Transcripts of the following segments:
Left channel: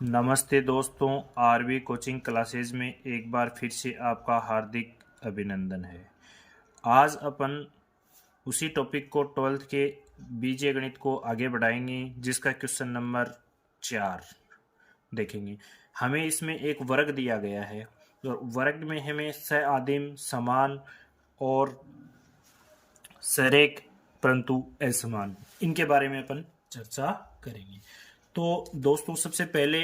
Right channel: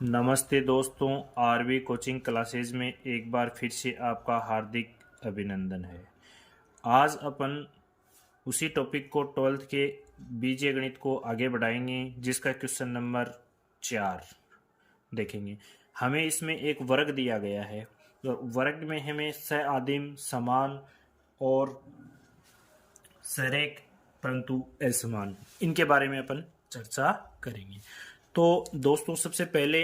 नमस्ते दोस्तों, RV coaching classes में एक बार फिर से आपका हार्दिक अभिनंदन है। आज अपन उसी टॉपिक को 12th के बीजीय गणित को आगे बढ़ाएंगे, जिसका क्वेश्चन नंबर 4 देखेंगे। हमें इसमें एक वर्ग दिया गया है और वर्ग में हमें सआदिम, समान और सरेख परंतु असमान, इनके बारे में अपन चर्चा करेंगे। तो दोस्तों, सबसे पहले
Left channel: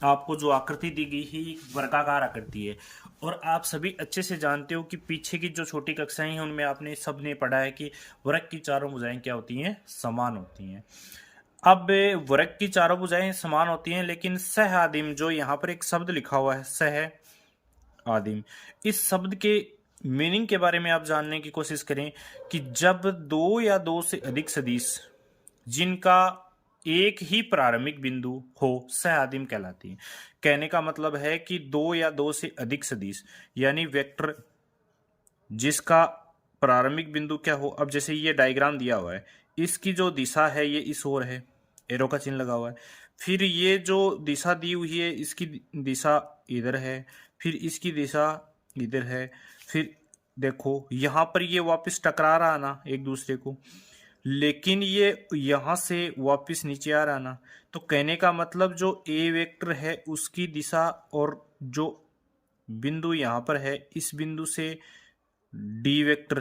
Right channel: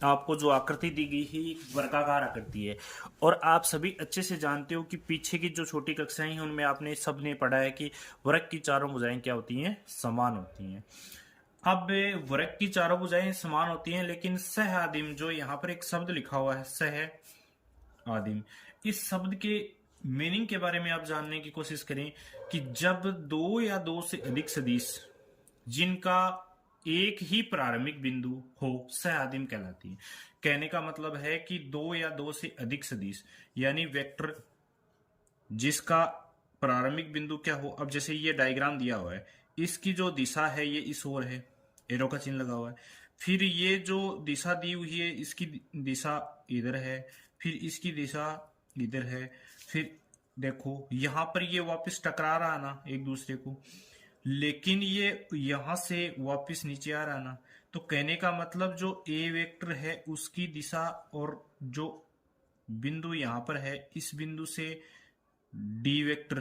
आपको जो आकृति दी गई है वर्गाकार आकृति है, और आप सभी अच्छे से जानते हो कि पीछे की जो छोटी कक्षाएं हैं उनमें आपने सबने पढ़ा है कि वर्ग की चारों भुजाएं क्या होती हैं, समान होती हैं। अब वर्ग की चारों भुजाएं समान होती हैं, लेकिन सह आदिम, जो यहाँ पर एक शब्द लिखा हुआ है सह आदिम, इस शब्द के मीनिंग के बारे में आप जानने की कोशिश करें कि जब दो या दो से अधिक सदिश जिनका एक ही प्रारंभिक बिंदु हो सह आदिम कहलाती है। कहने का मतलब है कि दो या दो से अधिक सदिश यानी वेक्टर जिसका प्रारंभिक बिंदु क्या हो। अब जैसे ये डायग्राम दिया हुआ है, इसकी जो दिशा है ये इस ओर है, एरो का चिन्ह लगा हुआ है। फिर ये जो दिशा दी हुई है इसकी दिशा इधर है, फिर इसकी दिशा इधर है। फिर देखो यहां पर ये वापस टकरा रहा ना एक दूसरे को, लेकिन ये यहां से वापस नीचे आ रहा ना। तो कहने का मतलब जो ए वेक्टर है उसकी दिशा और जो बिंदु यहां पर है इस बिंदु से डी वेक्टर,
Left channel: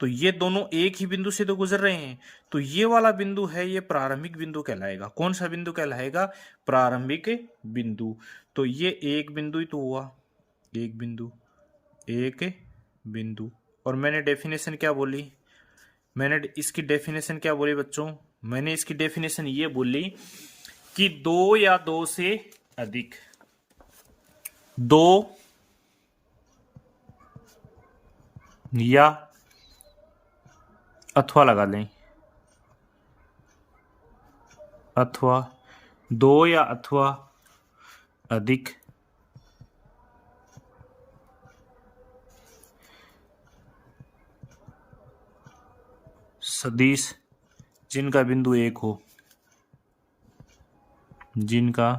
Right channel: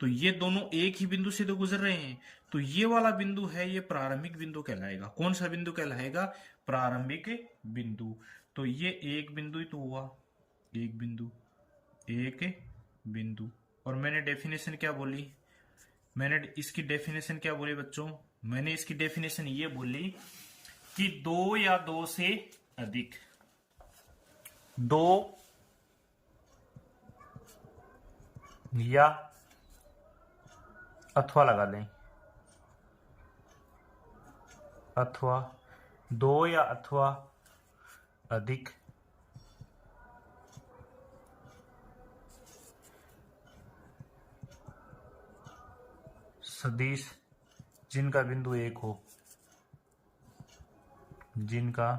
तो ये दोनों एक ही बिंदु से तो गुजर रहे हैं। तो ये वाला बिंदु है, ये प्रारंभिक बिंदु कहलाएगा। कौन सा बिंदु कहलाएगा? प्रारंभिक बिंदु। तो ये एक बिंदु ही तो हुआ, एक बिंदु, एक बिंदु। और मैंने डेफिनेशन क्या बोली? मैंने इसकी डेफिनेशन क्या बोली बच्चों? मैंने इसकी डेफिनेशन ये बोली कि दो या दो से अधिक, दो या अथवा लगा लें, अथवा दो या अथवा अधिक सदिश जिनका बिंदु एक हो, जिनका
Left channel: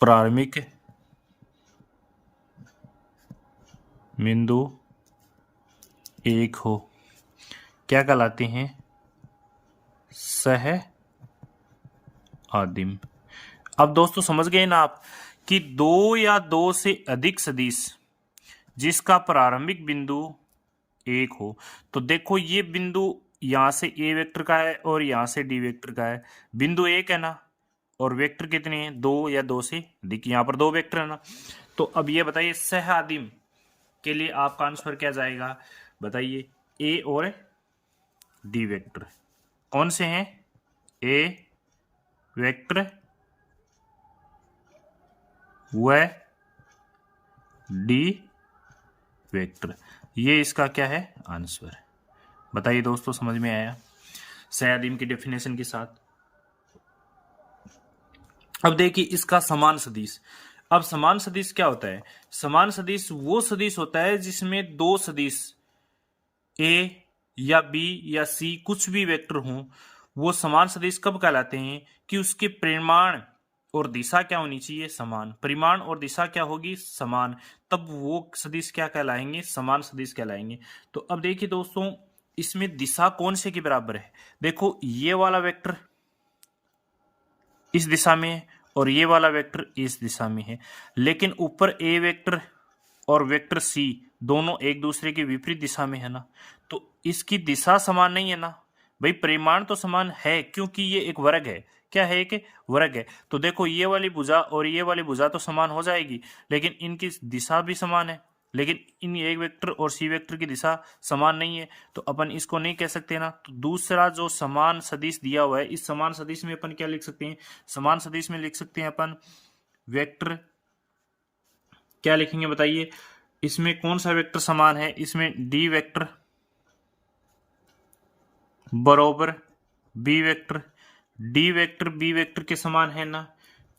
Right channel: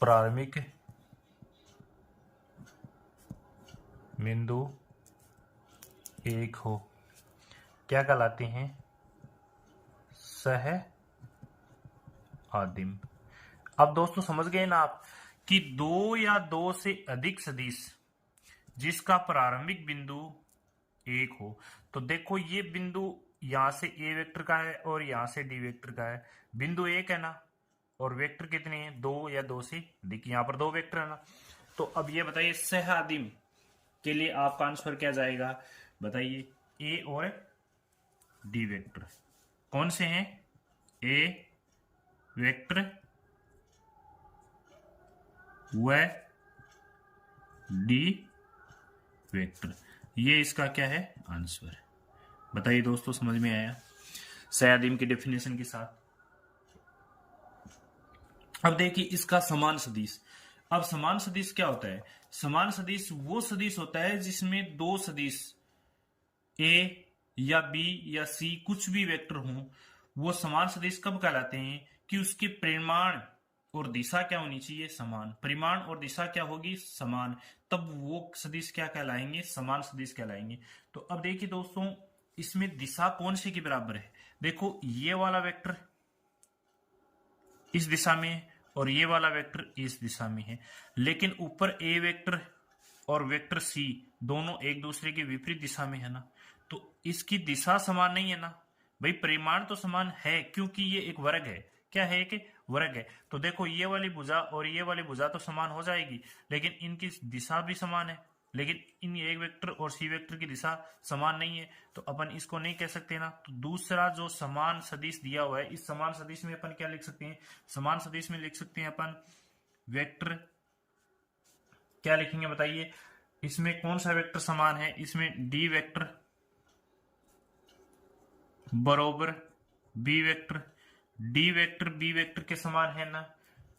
प्रारंभिक बिंदु एक हो, क्या कहलाते हैं? सह आदिम। अब दोस्तों समझ गए ना आप कि दो या दो से अधिक सदिश जिसका प्रारंभिक बिंदु एक हो। तो देखो ये बिंदु यहां से ए वेक्टर का है और यहां से डी वेक्टर का है। बिंदु एक है ना, और वेक्टर कितने हैं? दो या दो से अधिक। यहां पर दो वेक्टर है ना। तो अब ये बताइए सह आदिम के लिए आपका आंसर क्या जाएगा? बताइए, ए और डी वेक्टर कौन से हैं? ए वेक्टर व डी वेक्टर, ये इसका क्या है? आंसर। बताइए दोस्तों, समझ में आया सयादिम की डेफिनेशन के साथ? अब देखिए इसका समान सदिश। अब समान सदिश क्या होता है? समान सदिश वो सदिश होता है जिसमें दो सदिश ए या बी या सी कुछ भी वेक्टर हों। वो समान सदिश कब कहलाते हैं? कि उसके परिमाण और दिशा क्या होनी चाहिए? समान। परिमाण और दिशा क्या होगी? समान। तब वो सदिश क्या कहलाएंगे? समान सदिश कहलाएंगे। तो अब देखिए दोस्तों, इसमें दिशा कौन से के बराबर है? देखो ये वाला वेक्टर इस दिशा में है और ये वाला वेक्टर इस दिशा में है, लेकिन ऊपर ए वेक्टर और वेक्टर सी दोनों एक दूसरे के विपरीत दिशा में है ना। तो इसकी दिशा समान नहीं है ना भाई। परिमाण तो समान है क्योंकि ये एक वर्ग है। क्या है? एक वर्ग है। तो देखो ये वाली भुजा और ये वाली भुजा तो समान हो जाएगी, लेकिन इनकी दिशा भी समान है। लेकिन इन ए वेक्टर और सी वेक्टर की दिशा समान नहीं है, तो अपन इसको नहीं कह सकते ना। तो दूसरा जो समान सदिश दिया हुआ है, इस समान सदिश में अपन क्या लिख सकते हैं? समान सदिश में लिख सकते हैं अपन वेक्टर, क्या लिखेंगे बताइए? इसमें कौन सा वेक्टर समान है? इसमें डी वेक्टर बरोबर B vector. D vector B vector के समान है ना।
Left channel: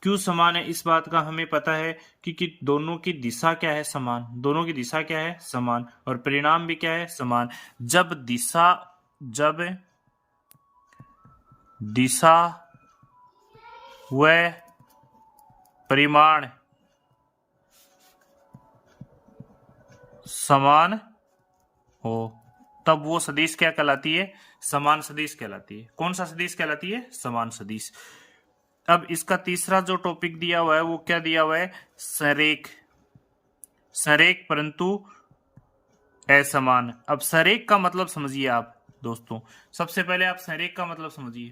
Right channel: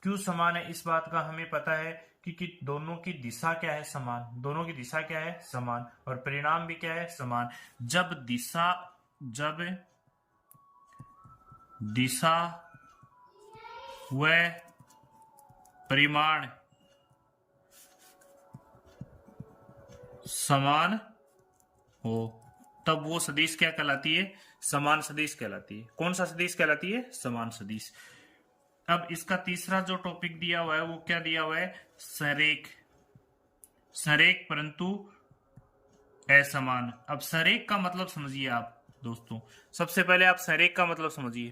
क्यों समान है? इस बात का हमें पता है कि दोनों की दिशा क्या है? समान। दोनों की दिशा क्या है? समान। और परिणाम भी क्या है? समान। जब दिशा जब दिशा व परिमाण समान हो तब वो सदिश क्या कहलाती है? समान सदिश कहलाती है। कौन सा सदिश कहलाती है? समान सदिश। अब इसका तीसरा जो टॉपिक दिया हुआ है वो क्या दिया हुआ है? संरेख। संरेख परंतु असमान। अब संरेख का मतलब समझिए आप दोस्तों। सबसे पहले आप संरेख का मतलब समझिए।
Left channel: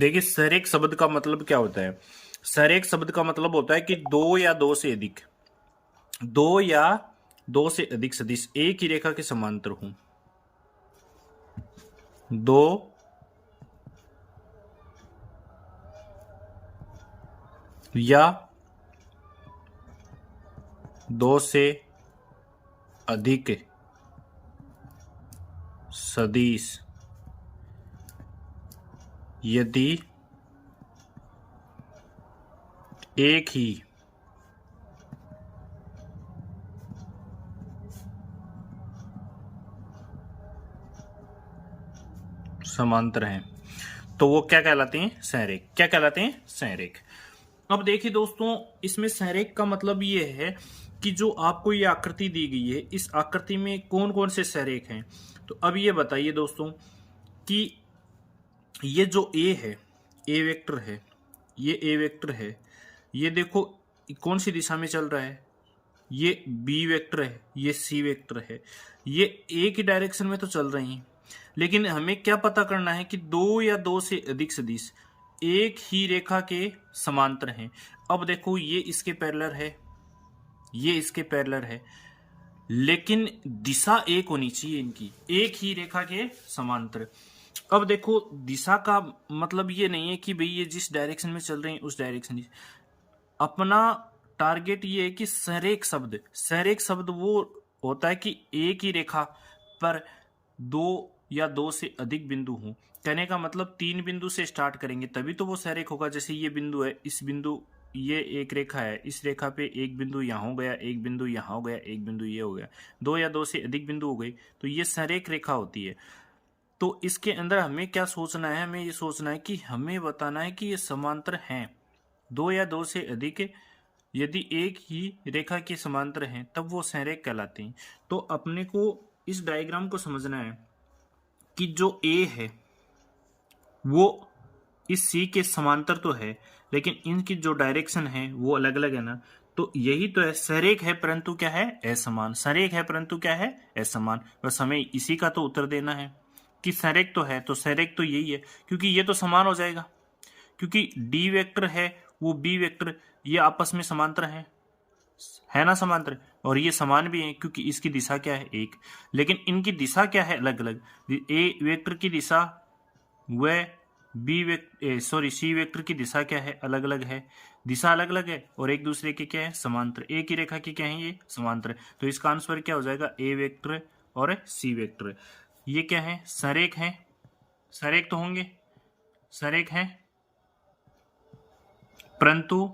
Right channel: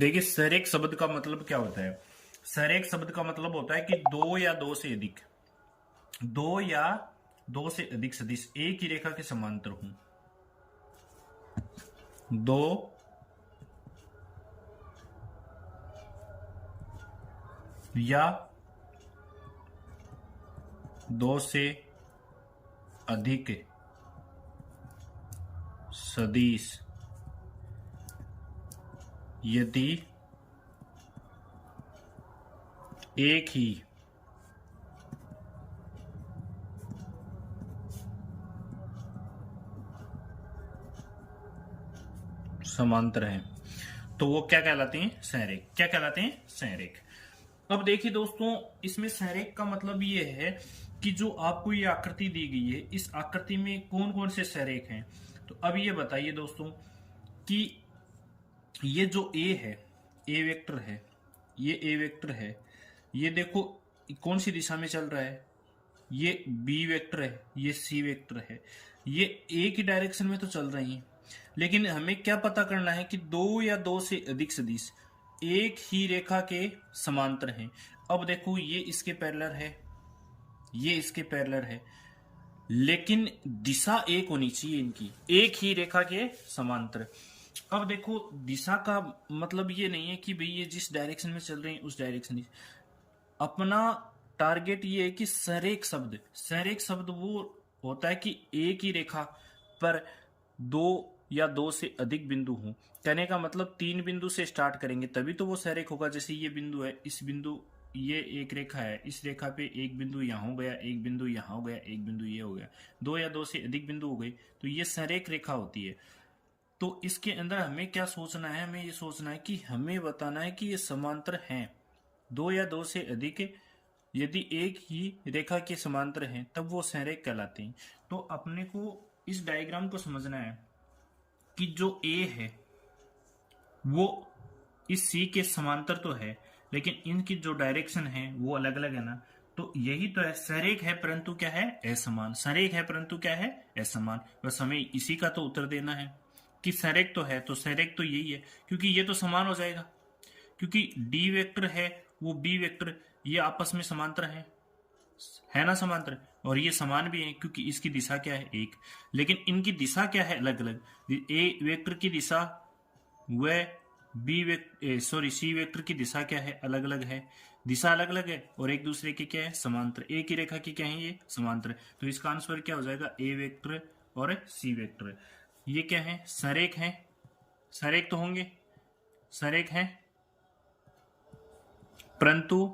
देखिए संरेख शब्द का मतलब क्या होता है? संरेख शब्द का मतलब होता है कि दो या दो से अधिक, दो या दो से अधिक सदिश एक ही रेखा के समांतर हों। दो या दो से अधिक सदिश यदि एक ही समांतर हैं तो वो क्या कहलाते हैं? संरेख। क्या कहलाते हैं? संरेख। अब देखिए दोस्तों, इसमें संरेख का मतलब ये है कि जो आपको ये आकृति दी गई है, इस आकृति में कौन कौन से संरेख हैं। तो अब ये बताइए दोस्तों कि ये जो ए है, ए वेक्टर है, ये ए वेक्टर है, ये देखो कौन सी दिशा में चल रहा है? ये बी वेक्टर है, ये सी वेक्टर है, ये एक ही डायरेक्शन में तो चल रहे हैं। लेकिन हमें क्या पता करना है कि दो या दो से अधिक सदिश एक ही रेखा के समांतर हैं। अब देखो ये इसके पैरेलल है, ये इसके पैरेलल है, लेकिन दिशा एक होनी चाहिए इनकी, एक ही रेखा के समांतर। अब देखो दिशा का मतलब ये नहीं है कि भाई ये जिस डायरेक्शन में चल रहे हैं उस डायरेक्शन में। अपना टारगेट ये है कि संरेख शब्द, संरेख शब्द वो होता है कि एक ही रेखा पर दो या दो से अधिक बिंदु हों। कहने का मतलब तीन बिंदु से स्टार्ट करेंगे तभी तो वो संरेख होगा। जैसे ये बिंदु है, इस बिंदु, ये एक रेखा है, इस रेखा पे एक बिंदु यहाँ हो गया, एक बिंदु यहाँ हो गया, एक बिंदु ये हो गया, दो या दो से अधिक बिंदु हो गई तो ये संरेख रेखा होती है। तो इसके अंदर हमें क्या सोचना है? हमें ये सोचना है कि हमें बताना है कि ये समांतर हैं, दो या दो से अधिक यदि एक ही रेखा के समांतर हैं तब वो संरेख कहलाते हैं। तो अपने को इस डायग्राम को समझना है कि जो ए है वो इस सी के समांतर तो है, लेकिन इनकी जो डायरेक्शन है वो अलग अलग है ना। तो यही तो है, संरेख है परंतु क्या है? असमान। संरेख है परंतु क्या है? असमान। बस हमें इसी का तो उत्तर देना है कि संरेख तो है, तो संरेख तो यही है, क्योंकि ये तो समान हो जाएगा, क्योंकि डी वेक्टर है वो बी वेक्टर, ये आपस में समांतर है ना, समांतर। और ये समान भी है क्योंकि इसकी दिशा क्या है? एक। लेकिन इनकी दिशा क्या है? अलग अलग। ए वेक्टर की दिशा व सी वेक्टर की दिशा क्या है? अलग अलग है। दिशा अलग अलग है और एक दूसरे के क्या है? समांतर। एक ही रेखा की क्या है? ये समांतर। तो इसका आंसर क्या हो जाएगा? ए वेक्टर और सी वेक्टर। ये क्या है? संरेख है। संरेख तो होंगे, संरेख है, परंतु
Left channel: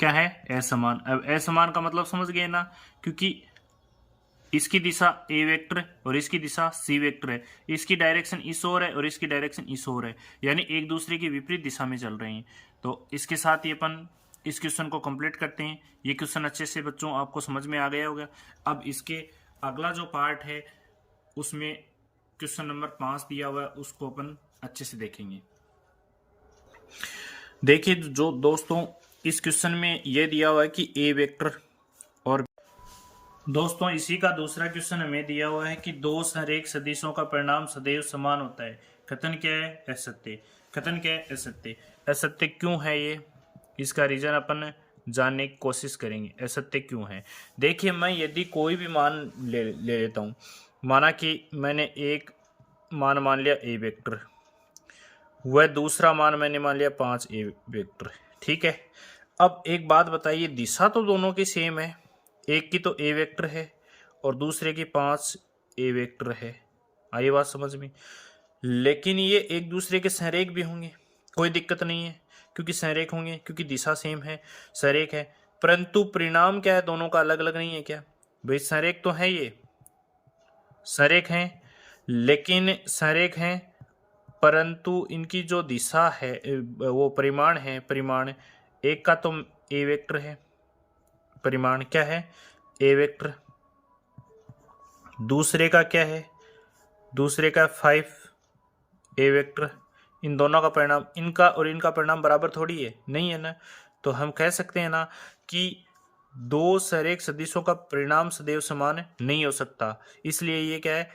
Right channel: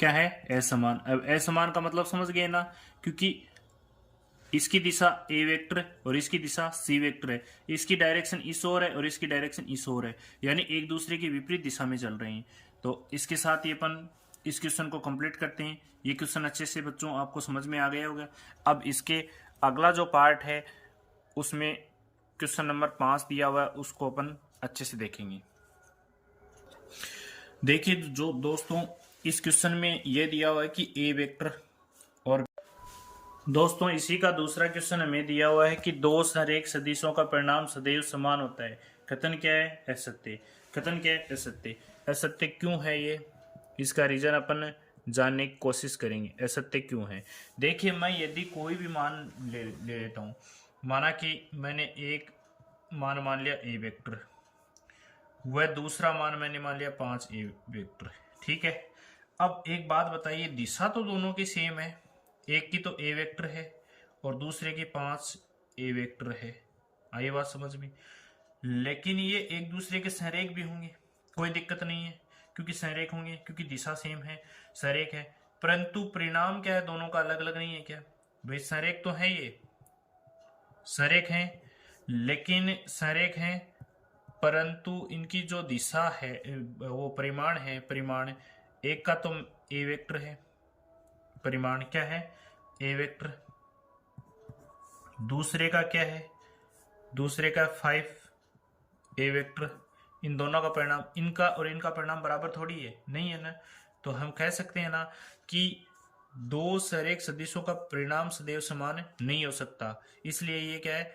क्या है? असमान। अब असमान का मतलब समझ गए ना, क्योंकि इसकी दिशा ए वेक्टर और इसकी दिशा सी वेक्टर है, इसकी डायरेक्शन इस ओर है और इसकी डायरेक्शन इस ओर है, यानी एक दूसरे की विपरीत दिशा में चल रहे हैं। तो इसके साथ ही अपन इस क्वेश्चन को कंप्लीट करते हैं। ये क्वेश्चन अच्छे से बच्चों आपको समझ में आ गया होगा। अब इसके अगला जो पार्ट है उसमें क्वेश्चन नंबर 5 दिया हुआ है, उसको अपन अच्छे से देखेंगे। देखिए जो दोस्तों इस क्वेश्चन में यह दिया हुआ है कि ए वेक्टर, और दोस्तों इसी का दूसरा क्वेश्चन हमें दिया हुआ है कि दो संरेख सदिशों का परिणाम सदैव समान होता है। कथन क्या है? असत्य। कथन क्या है? असत्य। असत्य क्यों है ये? इसका रीजन अपन जानने की कोशिश करेंगे, असत्य क्यों है। देखिए मैं यदि कोई भी मान ले लेता हूँ, माना कि मैंने एक मान लिया ए वेक्टर, वह दूसरा मान मैंने मान लिया 5 ए वेक्टर, ठीक है। अब एक बात बताइए, दिशा तो दोनों की सेम है, एक की तो ए वेक्टर है और दूसरे की 5 ए वेक्टर है, आई बात समझ में। लेकिन ये एक दूसरे के संरेख भी होंगे, कोई दिक्कत नहीं है, क्योंकि संरेख होंगे, क्योंकि दिशा सेम है, संरेख है। परंतु परिणाम क्या है? दोनों का अलग अलग नहीं है क्या? भाई संरेख तो है, ये संरेख हैं, लेकिन संरेख हैं परंतु इनकी जो दिशा है वो परिमाण है, परिमाण एक का तो ए वेक्टर है, परिमाण क्या है ए वेक्टर, दूसरे का क्या है, दूसरे का 5 ए वेक्टर। इन दोनों का परिणाम, इनका और इनका परिणाम बराबर थोड़ी है, नहीं है ना। तो हम कह सकते हैं ना कि दो संरेख सदिशों का परिणाम सदैव समान नहीं हो सकता, इसलिए ये क्या है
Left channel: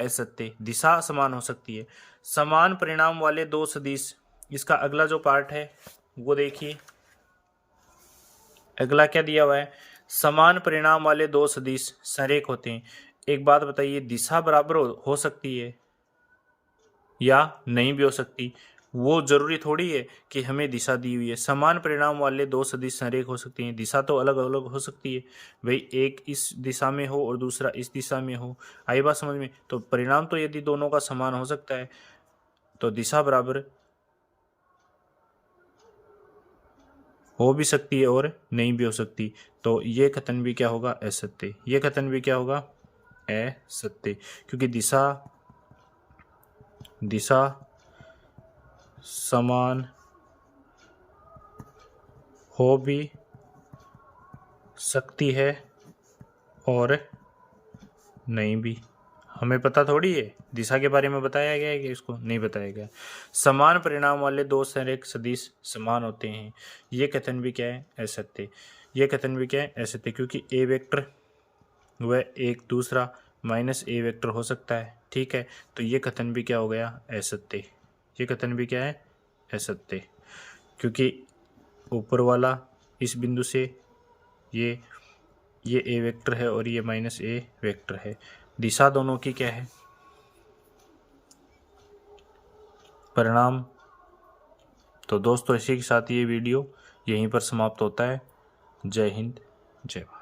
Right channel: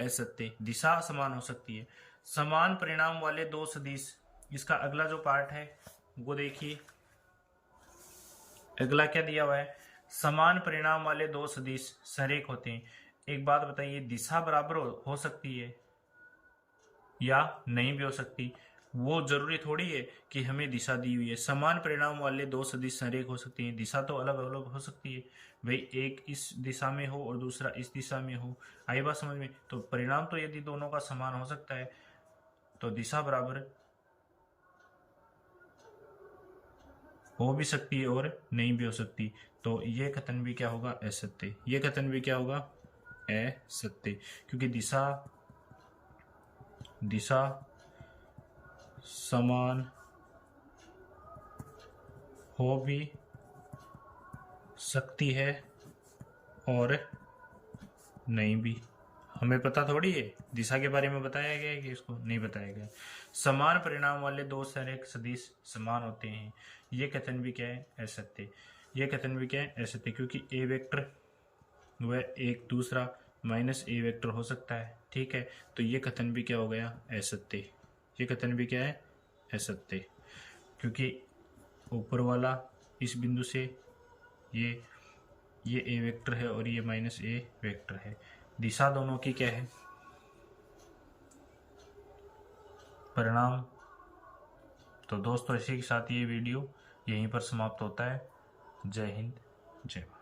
असत्य। दिशा समान हो सकती है। समान परिणाम वाले दो सदिश, इसका अगला जो पार्ट है वो देखिए, अगला क्या दिया हुआ है, समान परिणाम वाले दो सदिश संरेख होते हैं। एक बात बताइए, दिशा बराबर हो सकती है या नहीं भी हो सकती, वो जरूरी थोड़ी है कि हमें दिशा दी हुई है। समान परिणाम वाले दो सदिश संरेख हो सकती हैं, दिशा तो अलग अलग हो सकती है। भाई एक इस दिशा में हो और दूसरा इस दिशा में हो, आई बात समझ में। तो परिणाम तो यदि दोनों का समान हो सकता है तो दिशा बराबर हो भी सकती है और नहीं भी हो सकती। तो ये कथन भी क्या होगा असत्य, ये कथन भी क्या होगा असत्य, क्योंकि दिशा समान हो भी सकती है और नहीं भी। हमें पता थोड़ी है, दिशा के बारे में बताया गया है कि इसको नहीं बताया गया। समान परिणाम वाले दो संरेख सदिश समान होते हैं, ये कथन भी क्या है असत्य, ये कथन भी क्या है असत्य, क्योंकि ए वेक्टर व एक दूसरा माइनस ए वेक्टर हो सकता है, ठीक है। तो ये कथन भी क्या हो गया असत्य, ये कथन भी क्या है असत्य, क्योंकि ऊपर वाला इस बिंदु से ये ए वेक्टर है और ये माइनस ए वेक्टर है, दिशा दोनों की क्या है परिणाम। तो दोस्तों इसी के साथ ये वीडियो यहीं पर समाप्त होता है। जय हिंद, जय भारत।